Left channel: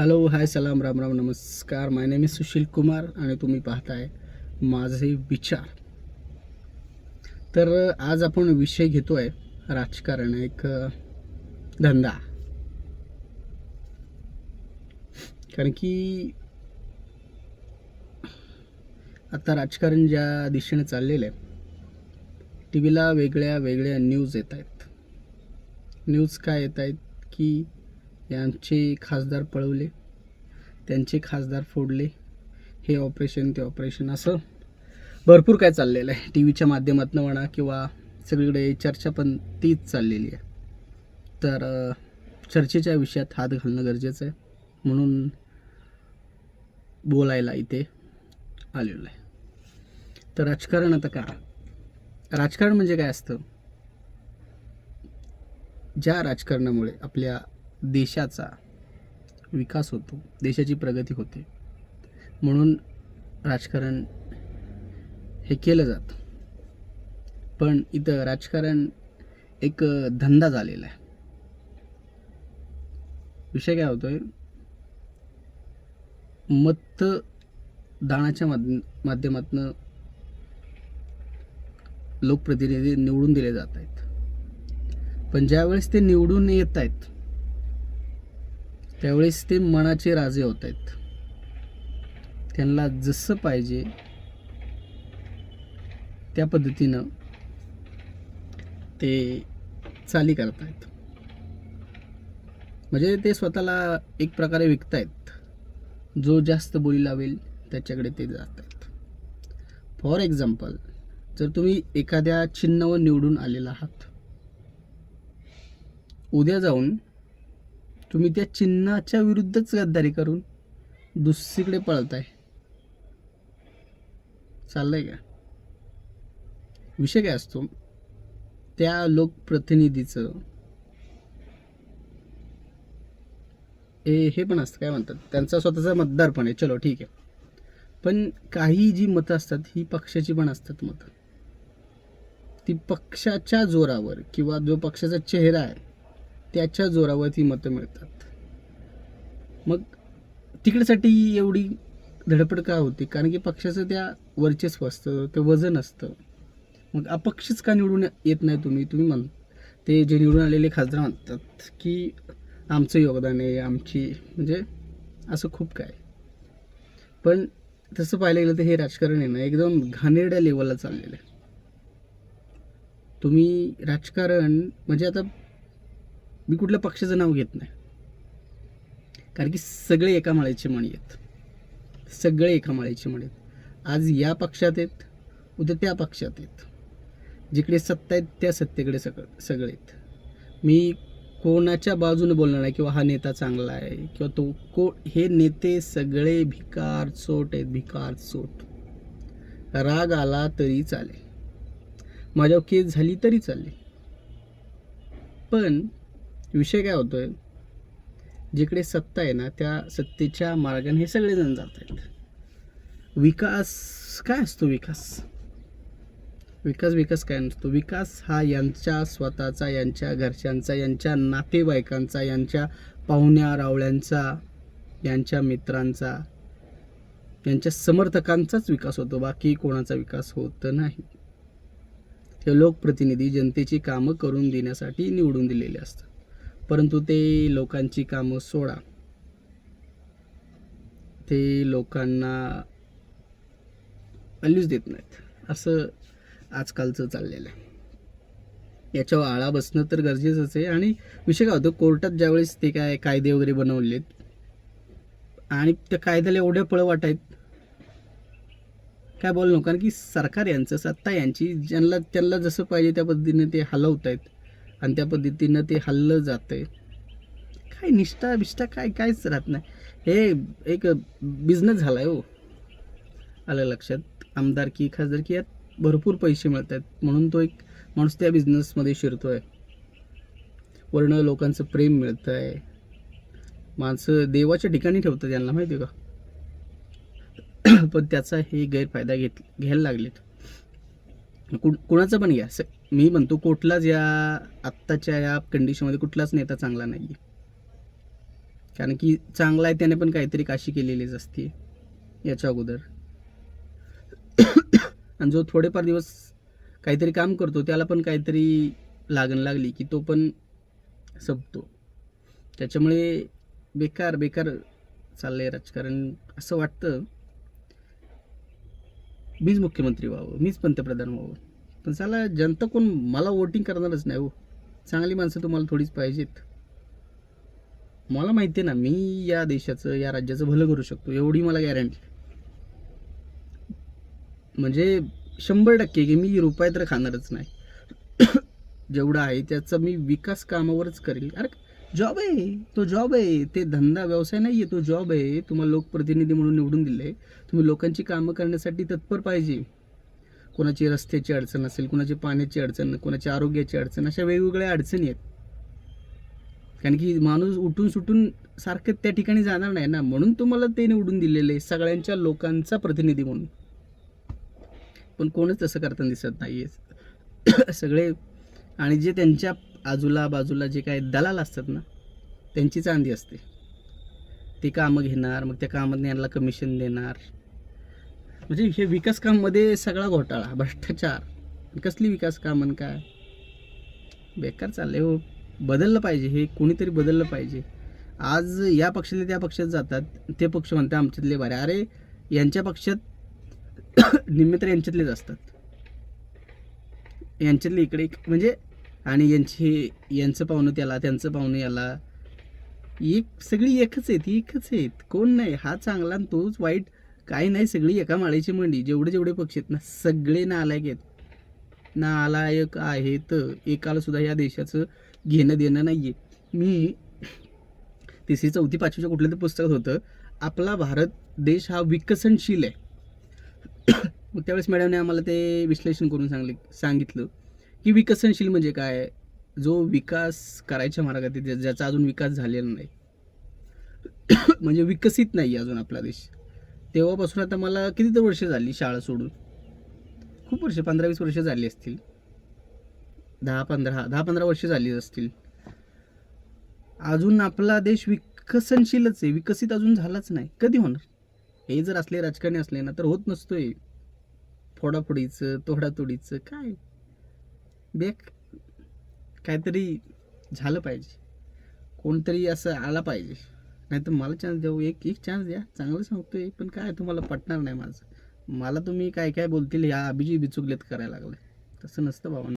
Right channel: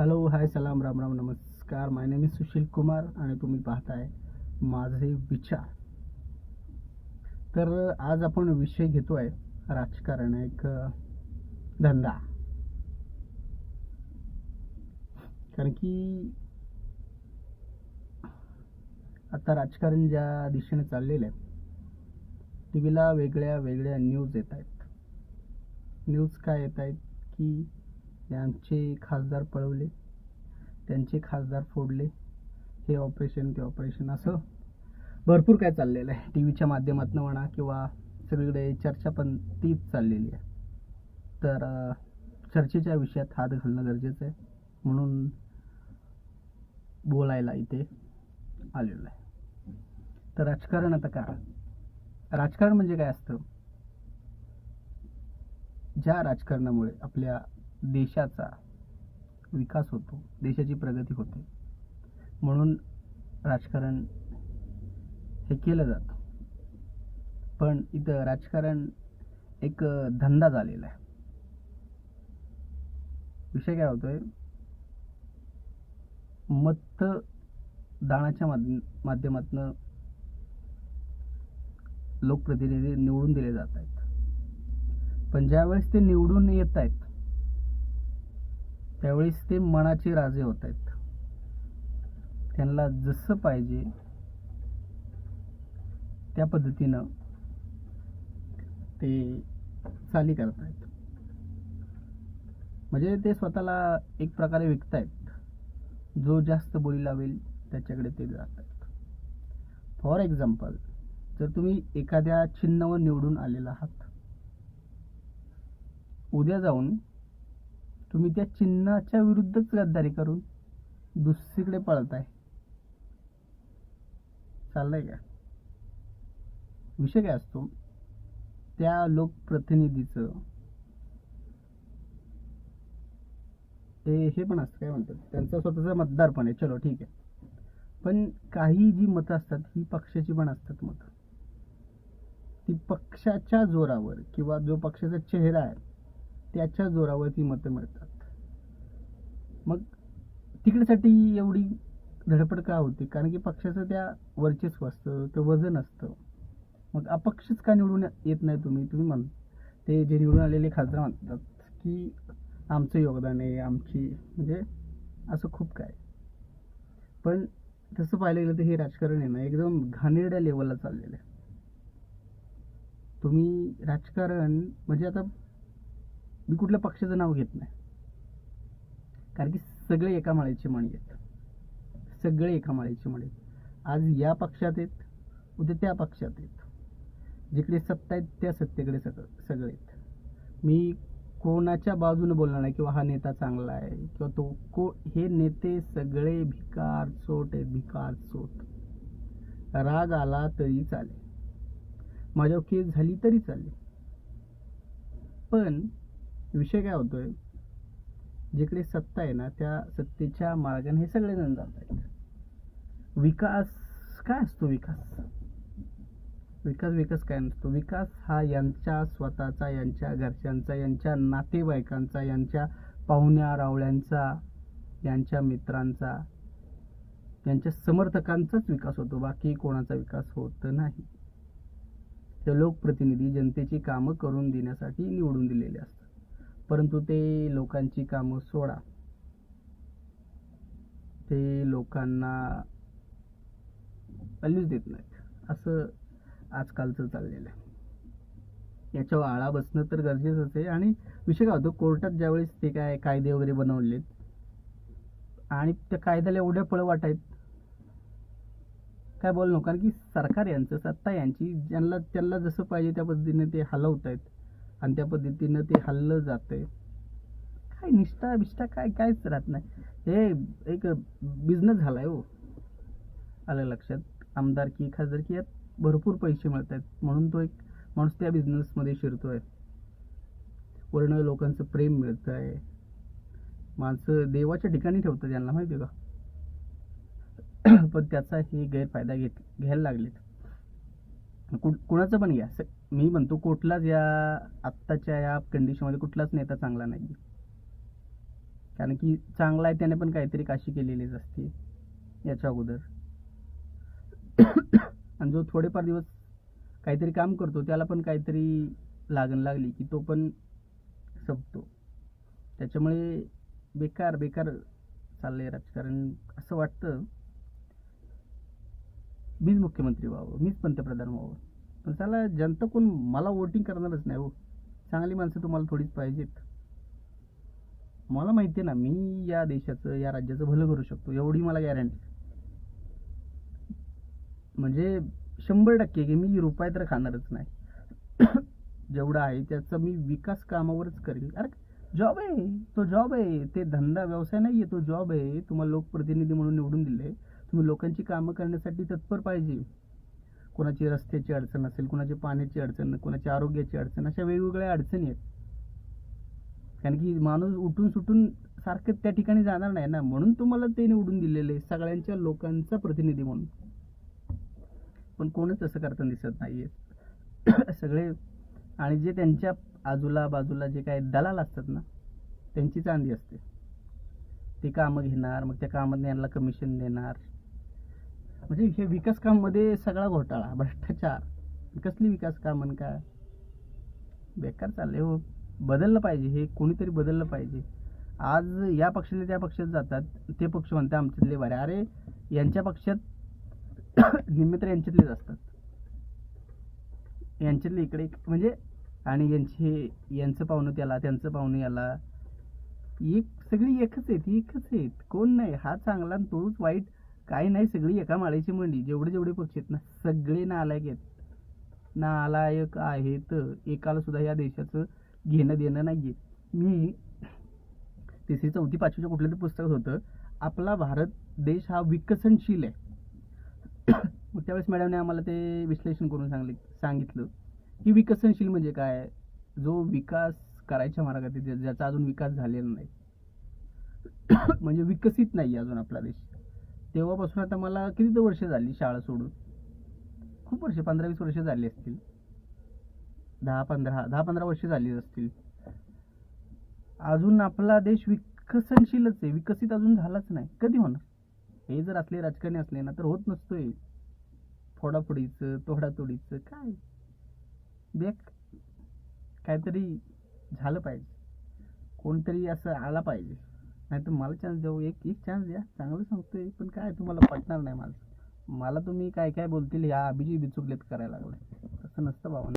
Hello, हाय, सलाम, राम राम, नमस्कार. माय name is Sushil Kumar आणि तुम्ही पाहताय माझे विचार. तर आज आपण विषय घेतो आहे राजकारण, एक धंदा. कारण की आता राजकारण ज्या दिशेने चाललेलं आहे, टी व्हीला वेगळ्या वेगळ्या न्यूज येत आहेत. न्यूज काय येत आहेत की यांचे खासदार पळवले, त्यांचे खासदार फोडले, हे ऑपरेशन ते ऑपरेशन, असं भरपूर काय चाललेलं आहे. टी व्हीच्या माध्यमातून म्हणा किंवा सगळीकडे चर्चा पण तीच चाललेली आहे. तर चर्चेच्या विषयात हात घालणं गरजेचं आहे, म्हणून बोलायला इथे आलेलं आहे. तर राजकारण आता काय? राजकारण म्हणजे काय असतं? ज्या राजकारणामुळे आपल्या देशाचा विकास होतो, देशाची प्रगती होते, म्हणून राजकारण हे केलं जातं. पण इथं राजकारण एक धंदा झालेला आहे. विषय काय होतोय? मतदानाच्या माध्यमातून लोकप्रतिनिधी निवडून दिले जात आहेत. पण ज्यावेळेस ते निवडून येत आहेत त्यावेळेस ते मनाचे राजे होत आहेत. त्यांना जसं पाहिजे त्या पद्धतीनं ते चाली करतायत. म्हणजे ते स्वतःला एक प्रकारे विकतायत. जो जास्त बोली लावेल त्याच्याकडे ते जात आहेत. फॉर एक्झाम्पल, जर तुम्ही एखाद्या चिन्हावर निवडून आलेला आहात, उद्या जाऊन तुम्ही त्या चिन्हाच्या विरुद्धच गद्दारी करून दुसरीकडे पळताय, चाललंय का? विषय काय असतो? त्या लोकप्रतिनिधीचं हे पण असतं, काय म्हणतात, त्यांचा स्वतःचा मतदार पण आहे. चलो ठीक आहे. पण काही जी मतं असतात ही पक्षाची पण असतात मतं. ती पक्षाच्या जोरावर किंवा जो पक्षाचा चेहरा आहे त्याच्या जोरावर ती मतं मिळतात. मग तिकडेसाठी एवढी धडपड का होते? कारण की पक्षाचं त्या वर्चस्व असतं, ते वजन असतं. मग अपक्षच का निवडून येत नाही तुम्ही ते जे निवडून आलेले खासदार म्हणतात की आमचं योगदान आहे, आमची, म्हणजे असं खूप काय. पण तसं पाहायला गेलं तर हे राजकारण आहे ना, एकदम घाणेरड्या लेवलला चाललेलं आहे. तुम्ही राजकारण म्हणजे, आता मी कुठल्या पक्षाचं नाव घेत नाही, कारण की सगळे एका माळेचे मणी आहेत. सगळे एका माळेचे मणी आहेत. आज या पक्षात आहेत, उद्या त्या पक्षात आहेत. जिकडे सत्ता आहेत त्या सत्तेकडे सगळे आहेत. मी कोणाच्या बाजूने बोलणार नाही किंवा हा नेता चांगला आहे किंवा हे नेते सगळे भिकार चोट आहेत, भिकार चोट. राग आला तरी चालेल, माझ्यावर केस झाली तरी चालेल. पण विषय काय होतोय? जिकडे सत्ता आहे ना, त्या सत्तेच्या मार्गाने हे सगळेजण जात आहेत. विकास काय असतो? विकास काय नसतो. विकास हा यांच्या स्वतःचा, यांच्या घरच्यांचा, यांच्या नातेवाईकांचा, यांच्या पाहुण्या रावळ्यांचा, यांच्या मित्रांचा, यांच्या समर्थकांचाच विकास होतो. बाकी कोणाचा विकास होत नाही. हे लोकप्रतिनिधी जनतेची कामं करून देण्यासाठी निवडून दिलेले असतात, परंतु ते लोकांची कामं सोडा, ते लोकांना व्हॅल्यूज देत नाहीत. असं आजकालचं चाललेलं आहे. याच्यावर आळा बसणं तर गरजेचंच आहे. आणि विषय काय होतो? कोर्टात ज्यावेळेस ते काय कायदे वगैरे बनवलेत आणि त्या कायद्याला एवढे पळवाट आहेत, काय बोलणं. कारण की सरकार यांचं, सत्ता यांची, त्यांना जसं पाहिजे त्या पद्धतीने ते हलवत आहेत आणि त्या पद्धतीनं ते हल्लं जातंय. काय निष्ठा कायच राहत नाही. हे एक बिझनेस झाला आहे हो. आलं लक्षात? आमदारकी, खासदारकी यात भरपूर पैसे मिळत आहेत, म्हणून तो एक माणूस त्या बिझनेसमध्ये शिरतोय. वर्ण लोकांचं प्रेम मिळतं आहे. माणसं देवाच्या ठिकाणी ठेवतात यांना, माहिती आहे का? पण त्याचा हे गैरफायदा घ्यायला लागलेत. कुणाचं पण घ्या. मी म्हणतो कुठलाच या आत्ताच्या या कंडिशनमध्ये कुठलाच नेता चांगला नाही आहे. कारण की चांगला आहे त्याने पण काहीतरी काशी केलेलीच असते याच्या अगोदर. आणि जो थोडेफार दिवस काहीतरी काम करतो त्याला पण काहीतरी लागण लागली की तो पण संपतो. त्याच्यामुळे बेकार बेकार चाललंय राजकारण. असं वाटतं मीच मुख्यमंत्री व्हावं, मीच पंतप्रधान व्हावं. पण साला जनता कोण मला वोटिंग करणारच नाही हो. चांगली माणसं तुम्हाला थोडीच पाहिजेत. मला माहिती आहे ना मी या देशाचं या राज्याचं भलं करू शकतो, एवढी मला गॅरंटी. म्हणजे 100% की मी रुपये तर खाणारच नाही. जेवढा आहे त्याचा मी विकास कामावरच करेल. अरे जॉब आहे, तो जॉब आहे, ते धंदा व्यवसाय नाही आहे, तो जॉब आहे. तुम्हाला लोकप्रतिनिधी म्हणून निवडून दिले, तुम्ही लोकांची कामं करण्यासाठी तत्पर पाहिजे. कोणाची रस्त्याची अडचण असेल, कोणाची पाण्याची अडचण, कोणाची आरोग्याची अडचण, अशा वेगवेगळ्या अडचणी आहेत. कारण की माणूस उठून सुटून सारखं त्या ठिकाणी जाणार नाही ना, म्हणून तुम्हाला ते निवडून दिलेले सगळ्यांच्या लोकांचा प्रतिनिधी म्हणून. पण कोणच तसं करताना दिसत नाही आहे. सगळे आणि जे त्यांच्या बाजूला जे काही दलाल असतात ना, त्यांची चांदी असते. ते कामं घेणार, मग त्या कामात यांना कमिशन देणार. म्हणजे हे विकास काममध्ये सगळा घोटाळा, भ्रष्टाचार. कसली विकास कामं काय बेकार चालले हो. बदललं पाहिजे, हे कोणीतरी बदललं पाहिजे. आज या पक्षातले त्या पक्षात जातात, ते पक्ष म्हणते आमच्यातले बरे. अरे यांच्या पक्षात निम्मे तर यांच्यातलेच असतात, यांच्यातले इकडे म्हणजे. आणि यांचं पाहुणं त्याला, त्यांचं पाहुणं याला. सगळी एकच आहेत. कोण नाही हा चांगला आणि तोच वाईट काही नाही. सगळी एका माळेची मंडी. जेवढे पक्ष आहेत ना सगळे नालायक आहेत, नालायक आहेत. एकाला सुद्धा या देशाचं घेणं देणं नाही आहे. मी 3री 4थी 5वीच्या कुठल्या तरी पुस्तकात होतं, आपला भारत देश हा विकसनशील आहे. मग त्यावेळेस मॅडमने आम्हाला ते विश्लेषण करून सांगितलं की विकसनशील म्हणजे काय. जो विकास करायच्या मार्गात आहे, ज्याचा अजून विकास झालेला नाही, म्हणजे विकसित नाही अजून आपला देश. तेव्हापासून आता मला किती तर वर्ष झाली शाळा सोडून, खूप वर्ष, 15-20 वर्ष झाली असतील, 10-15 वर्ष झाली असतील. अजून आपला देश विकसनशीलच आहे, विकसित अजून झालाच नाही. कधी होणार. हे जर असले राजकारणी असले ना तर होत नसतोय. फोडाफोडीचं, तोडातोडीचं काय काहीतरी झालं पाहिजे. कोणतरी असं आला पाहिजे. नाही तर मला चान्स देऊ, एक चान्स द्या. चांगलं सांगतोय, पण काय तुम्हाला पटणार नाही माझं. मला तुम्ही काय काय बोलतील या अभिजी बिचुकलेत करायला लागलाय. तसं नसतं बाबा.